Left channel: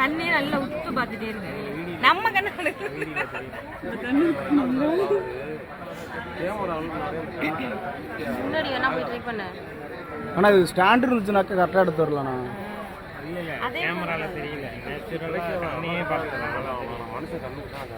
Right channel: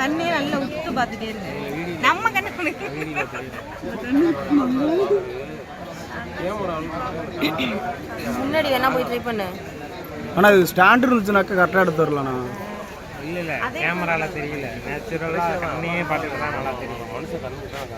கண்ணே நல்லா உத்து பார்த்துட்டே இருக்கு. நம்ம கண்ணு முன்னாடி வேணா போய் ட்ரை பண்ணு. ஆனால் இது ஸ்டாண்ட் இருந்துச்சுனாக்கா கரெக்டாக எடுத்து வரலாண்ணா. இல்லை இல்லை கேமரால தெரியல, நேச்சுரலாக கண்ணையே பார்த்துட்டு தான் நல்லா தெரியும். மனுஷன் கண்ணுக்கு தான்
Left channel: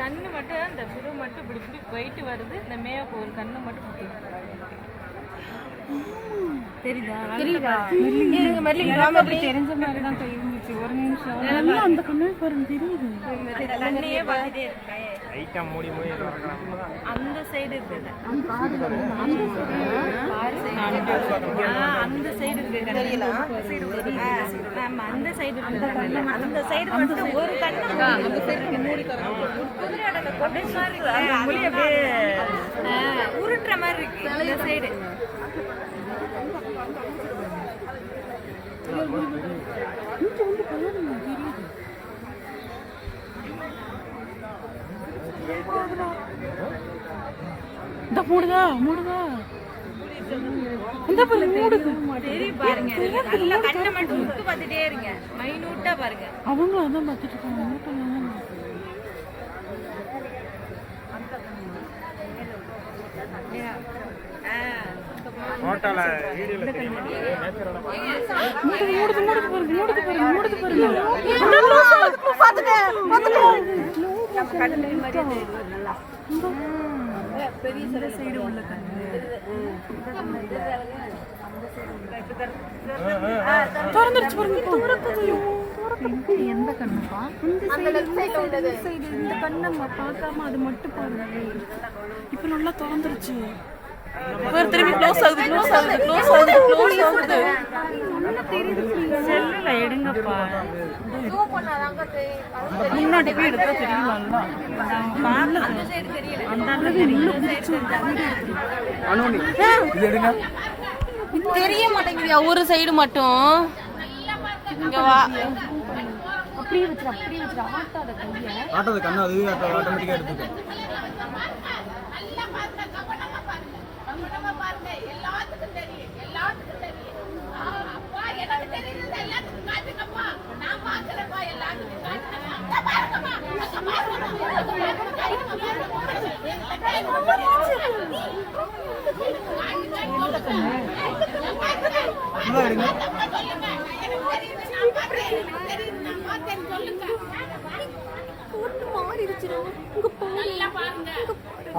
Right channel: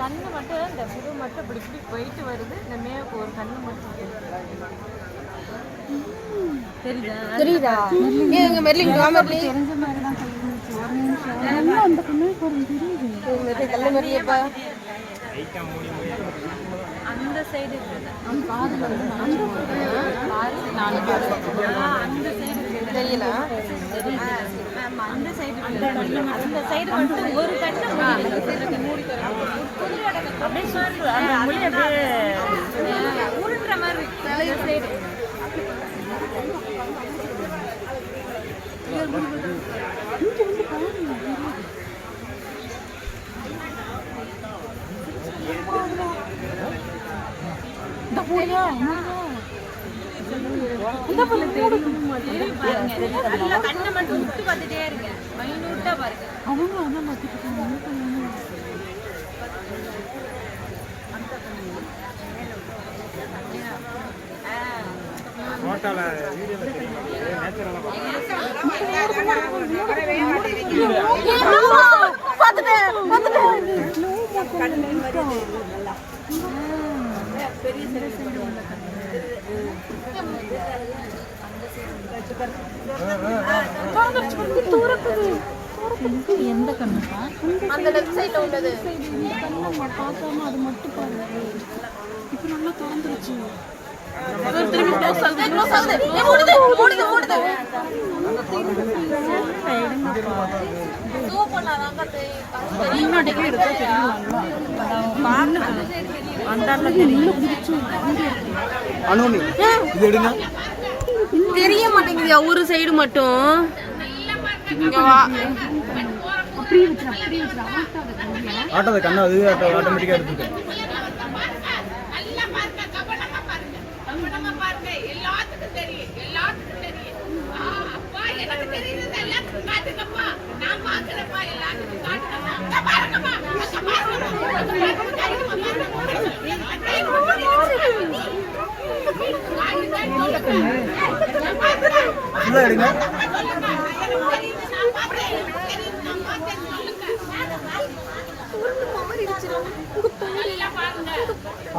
கண்ணு மட்டும் இந்த புது மட்டும் இப்படி இப்படி போயிட்டு வருது. இந்த மேப்பு ஒரு கண்ணு மட்டும் தெரியுதா? தெரியுதா? தெரிஞ்ச மாதிரி தான் கை நீச்சு. ஒரு நிமிஷம் அந்த கண்ணு பாருங்க தெரியுது. அந்த சைடு இருக்குது. அந்த காதுல வந்து அந்த சைடு இருக்கு. தெரியல. அந்த சைடு அந்த சைடு மட்டும் ஒரு கண்ணு அப்படியே சுத்து. அந்த மொழி அப்படியே உருட்டுற மாதிரி இருக்கு. இந்த சைடு இந்த போடுதா மூடுதா இந்த பல்ல மூடு சரி பாருங்க. நல்லா கண்ணை மட்டும் உத்து பார்த்துட்டே இருங்க. மைனூட்டா பாருங்க. அவங்க வந்து மாத்திட்டு ஃபோட்டோல வீடியோல தெரிய மாட்டேங்குது, நேச்சுரலா எந்த கண்ணுப்பா? அந்த லெஃப்ட் சைடுல உள்ளது. இந்த கண்ணை பார்க்காம அது மட்டும் பாருங்க. இப்ப நல்லா திறந்துருச்சு. திரும்பி க்ளோஸ் ஆகுது. எடுங்கப்பா. ஜூம் பண்ணாதாங்க முன்னாடிக்கு எடுத்தா தெரியும்ல. பாருங்க அந்தால தெரியும். அனோனி இது எடுங்க. தெரிய மாட்டேங்குது ஒரு சைடு மட்டும். இங்க வா. அப்படியே வச்சிர ஆட்டாத கண்ணு அதுவே ஆட்டோமேட்டிக்கா எடுத்துக்கும். எடுங்க.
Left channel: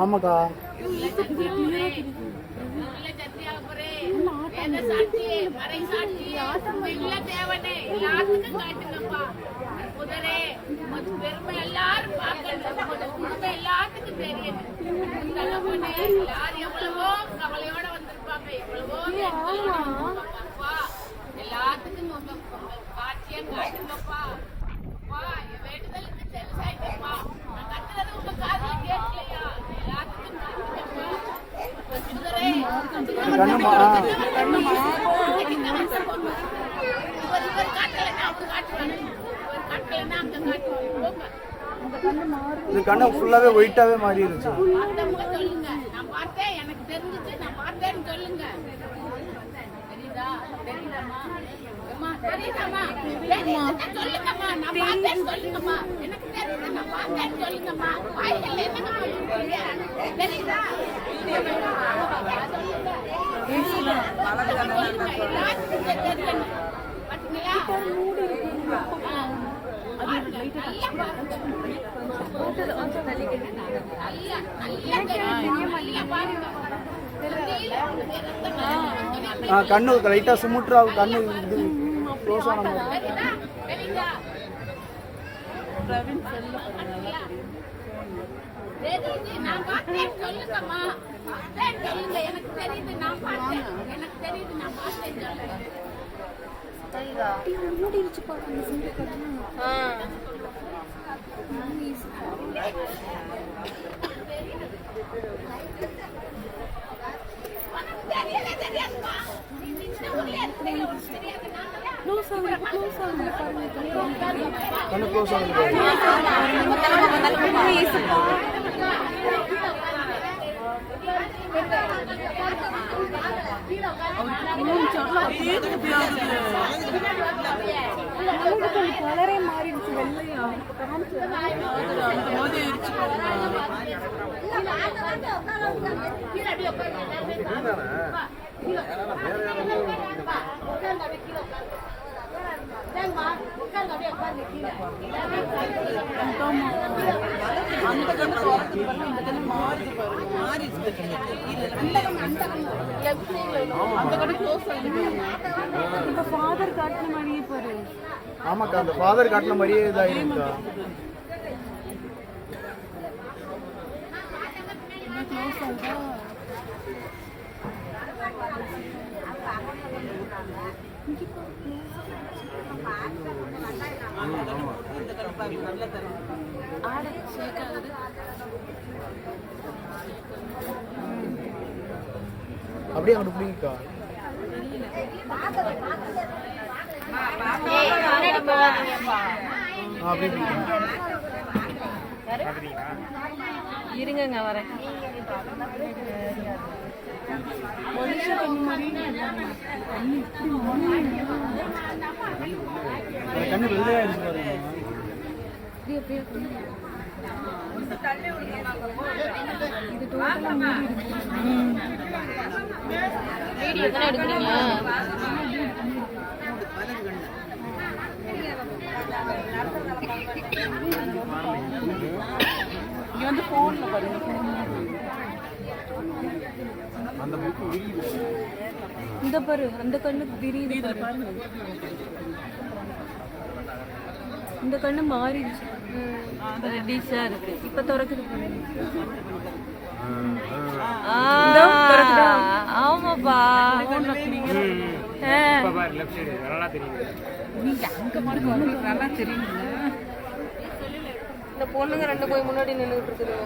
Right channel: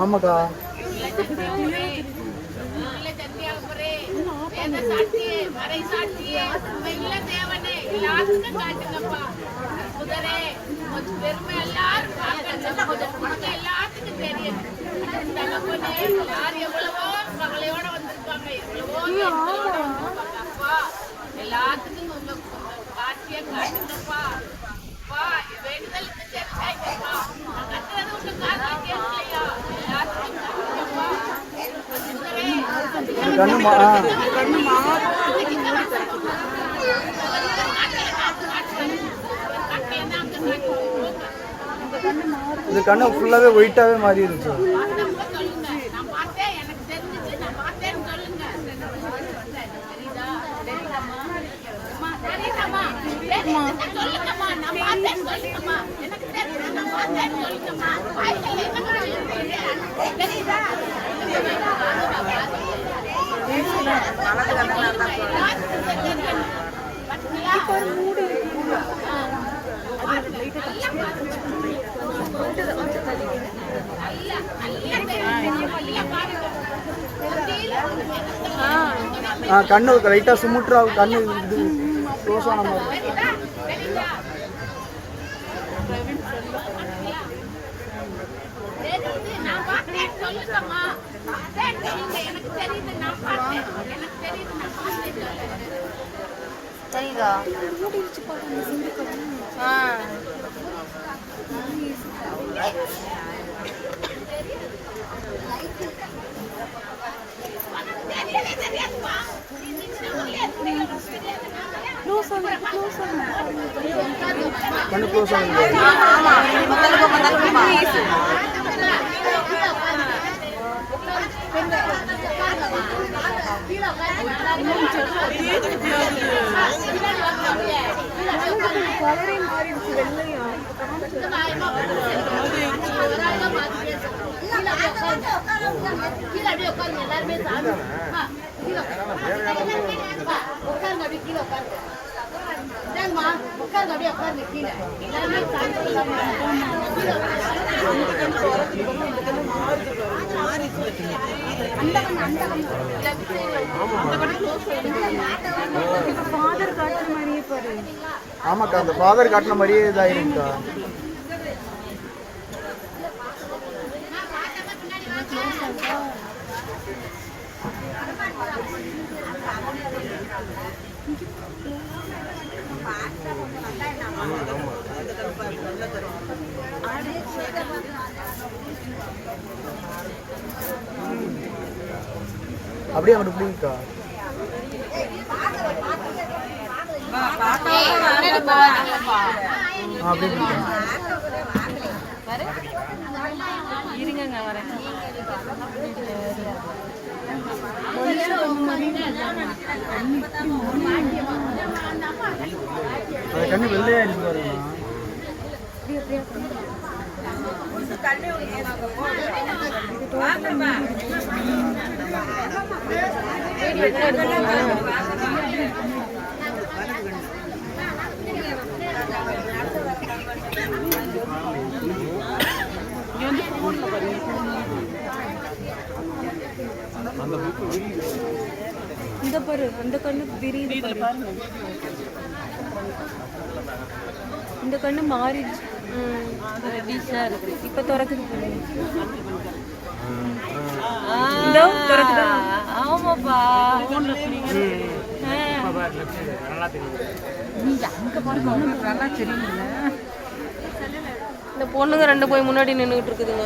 ஆமாக்கா இது கண்ணு ஃபுல்லாவே ஒயிட்டாவே மாறி இருந்துச்சு. கண்ணு லைட்டா சுமுட்ரா கண்ணு இது க்ளோஸ் ஆன மாதிரி. தெரியுதா? மூடிடுச்சு பாரு அந்த சிந்து கண்ணு. கண்ணு க்ளோஸ் ஆகுது. கலரே மாறிடுச்சு வெள்ளையா. ஃபாதர் காட்டுன மாதிரியே பாரு. ஆமாக்கா அந்த ஃபாதர் காட்டின மாதிரியே இதாயிருக்கா. அப்படியே அவனுக்கு பிடிக்கா. இருங்க வரேன். மனுஷ கண்ணு மாதிரி கண்ணு வெள்ளையாயிருச்சு பாருங்க. இந்த பாரு அந்த கண்ணு விரியுது பாரு. இந்த கண்ணு மாறிடுச்சு. இப்ப திறக்குது பாரு. திறக்குதா? ஆமாப்பா. நல்லா தெரியுங்க. இந்த பொண்ணுங்க ரெண்டு போய் முன்னாடி நின்றுட்டு இருக்குதுங்க.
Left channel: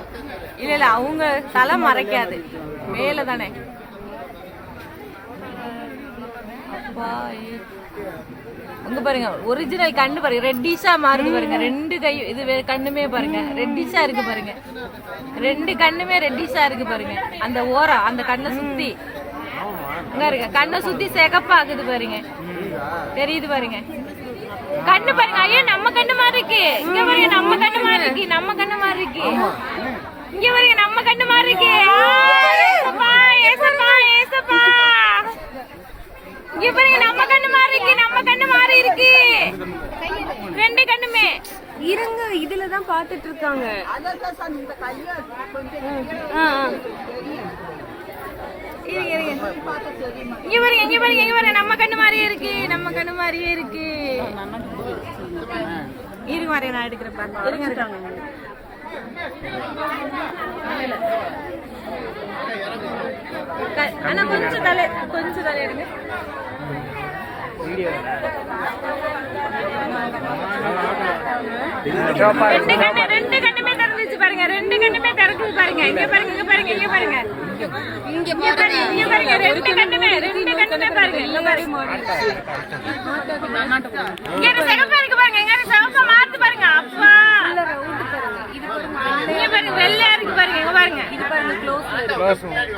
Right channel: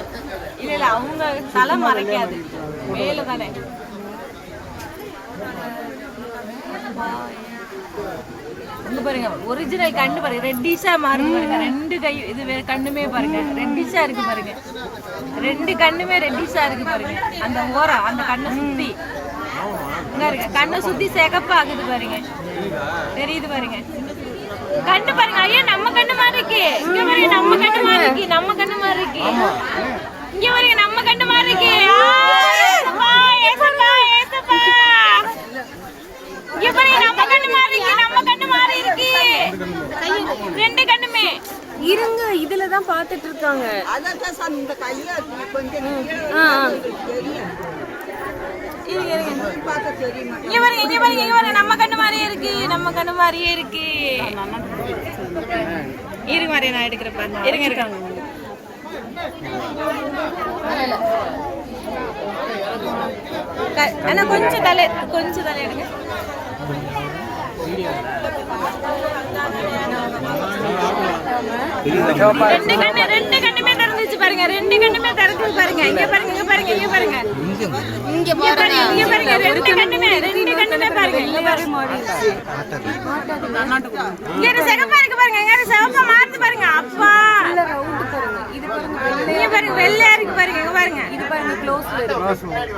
இல்ல இல்ல அவங்க தலை மறைக்காது, வேலை தானே. அங்க பாருங்க ஒரிஜினல் கண்ணு பாருங்க, ரெட்டிஷா மாறுது பாருங்க. ரெண்டு கை இது கண்ணுமே பாருங்க ரெட்டிஷா இருக்கு பாருங்க. ரெண்டு கண்ணுமே ரெட்டிஷா இருக்கு பாருங்க. அந்த ஓரம் அந்த கண்ணை சுத்தி இங்க இருக்கு, கண்ணை சுத்தி சிகப்பாகுது பாருங்க. தெரியுது பாருங்க கண்ணு பாருங்க. ஐயா நம்ம கண்ணு மாதிரி இருக்கு. இங்க பாருங்க நம்ம கண்ணு மாதிரி இருக்கு. நம்ம கண்ணு மாதிரி இருக்கு. இங்க பாருங்க நம்ம கண்ணு மாதிரி இருக்கு. இங்க பாருங்க நம்ம கண்ணு மாதிரி இருக்கு. நம்ம கண்ணு மாதிரி இருக்கு. ரெண்டு கண்ணுமே இருங்க இதுல தான் பாத்துட்டு இருக்காங்க. இங்க பாருங்க நம்ம கண்ணு மாதிரியே இருக்கு. நம்ம கண்ணு மாதிரியே இருக்கு. இருங்க வரேன் நான் எடுக்கிறேன் பாருங்க. இருங்க இருக்காங்க. ஆனா கொஞ்சம் தலை எடுங்க. ரெண்டு கண்ணுமே திறந்துச்சு பாருங்க. ரெண்டு கண்ணுமே திறக்குது பாருங்க. இங்க பாருங்க இங்க பாருங்க இங்க பாருங்க இங்க பாருங்க இங்க பாருங்க. ரெண்டு கண்ணுமே பாருங்க. இங்க பாருங்க இங்க சிகப்பா இருக்கு பாருங்க. இங்க சிவப்பா மாறுது பாருங்க. அப்பா இது பாருங்க. இங்க பாருங்க வெள்ளையா இருக்கு பாருங்க. இங்க பாருங்க இது பாருங்க க்ளோஸ்ல இருக்கு.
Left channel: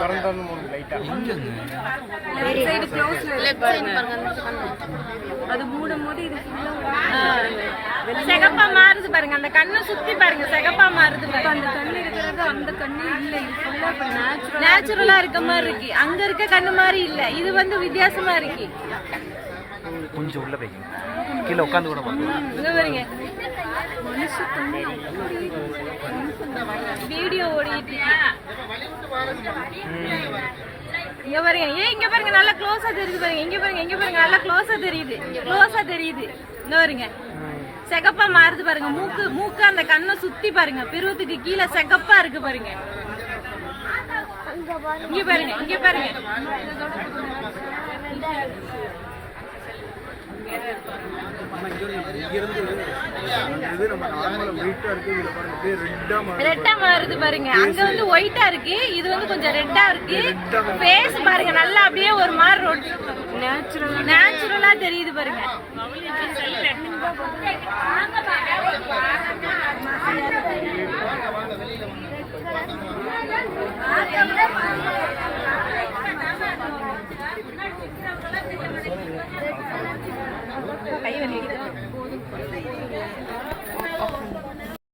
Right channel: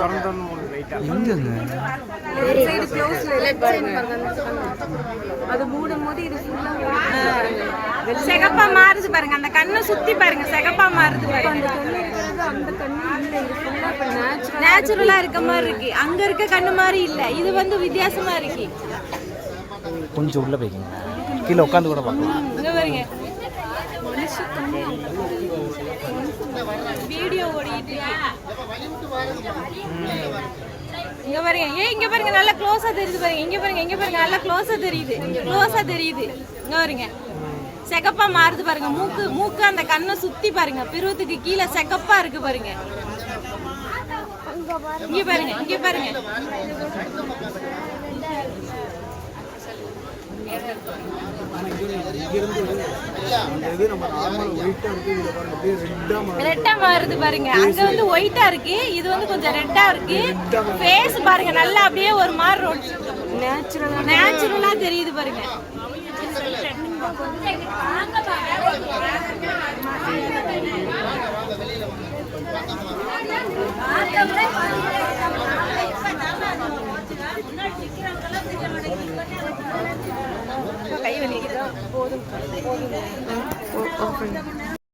திறந்தோன்னு லைட்டா சைடு க்ளோஸ்ல இருக்கு பாருங்க. அது மூடும்போது இது ஃபுல்லா சிகப்பா மாறுது பாருங்க. அந்த கண்ணை சுத்தி பாருங்க சிகப்பா மாறுது பாருங்க. அந்த கண்ணு இருக்கிறது அந்த கண்ணு இல்ல. இது ஃபுல்லா இப்ப நேச்சுரலா இருக்க மாதிரி இருக்கு. அங்க இருக்க கண்ணு மாதிரி இல்ல. இது வந்து வித்தியாசமா இருக்கு. கொஞ்சம் உள்ள போய்ங்க. கீழ உட்கார்ந்து கூட பாருங்க. இங்க பாருங்க மனுஷ கண்ணு வீடியோ ஓடிட்டு இங்க பாருங்க. இங்க பாருங்க நல்லா க்ளோஸா தெரியுது பாருங்க. இங்க பாருங்க நல்லா க்ளோஸா தெரியுது. இங்க பாருங்க சிகப்பா மாறுது பாருங்க. மூக்கு அந்த கண்ணை சுத்தி பாருங்க. பிருவத்துக்கு கீழே சிகப்பா இருக்கு பாருங்க. இங்க பாருங்க ரெட்டா மாறுது பாருங்க. அங்க வந்து ஒயிட்டா இருக்கு. இது வந்து கொஞ்சம் ரெட்டா இருக்கு. ஃபேஸ் பாருங்க நல்லா அப்படியே ஒரு மாதிரி நேச்சுரலா தெரியுது பாருங்க. கை வலிக்குது. போதும்.